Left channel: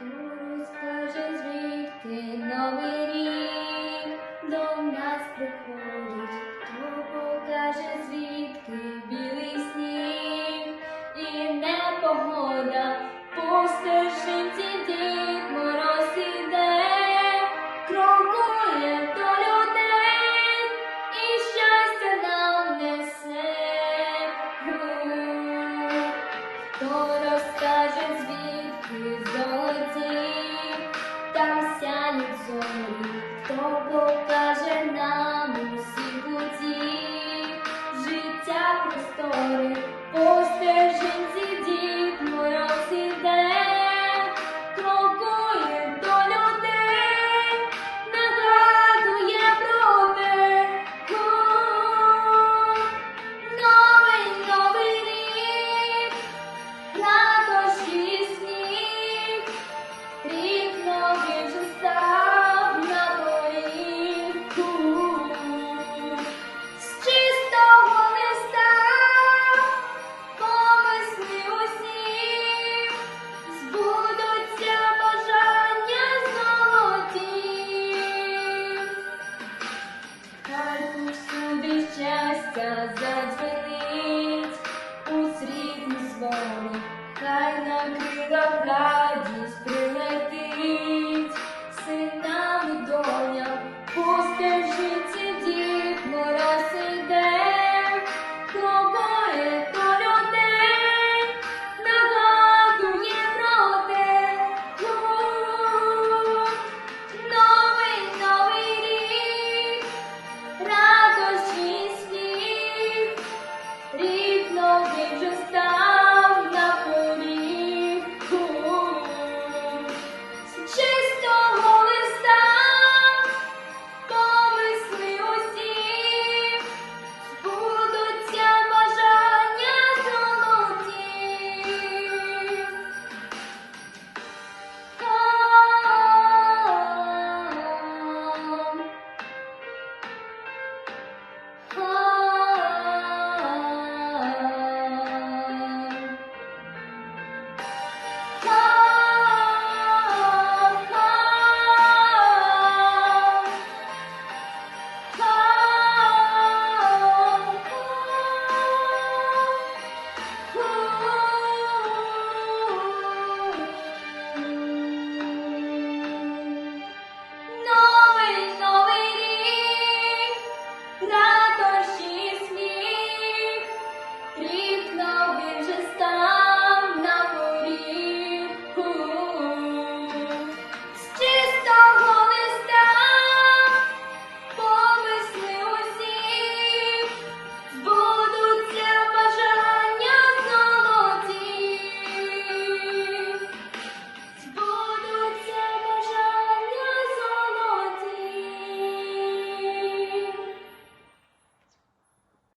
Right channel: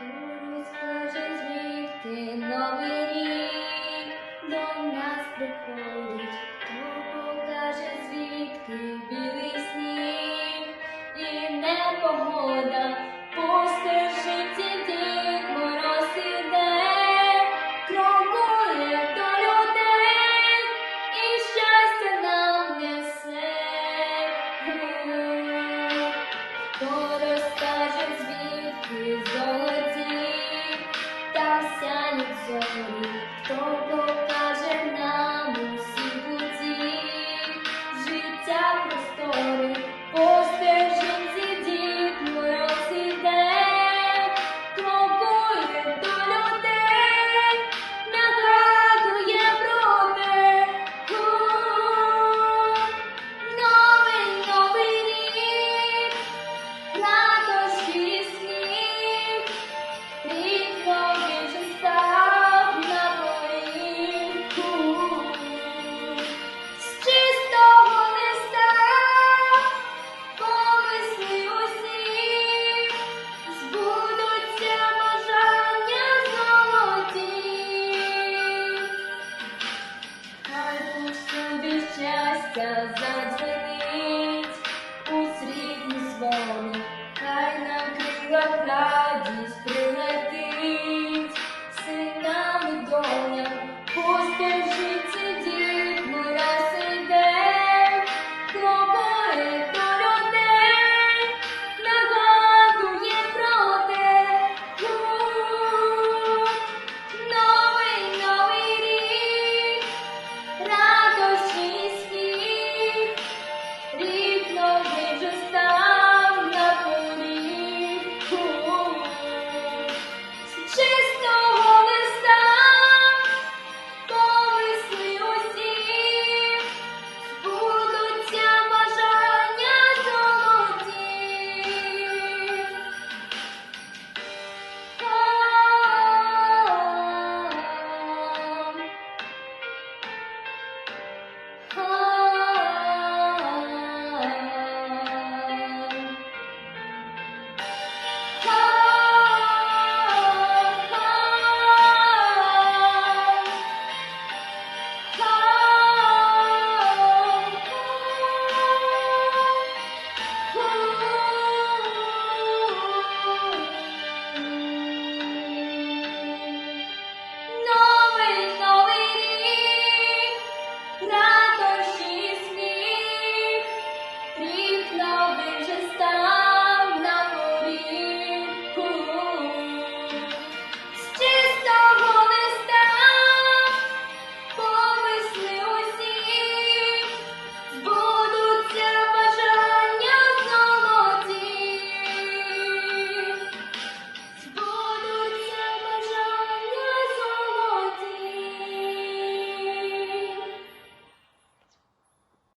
Турусь каже звідки новий рік. розкаже звідки золоті, там сянуть зорі, хто покаже нам. pra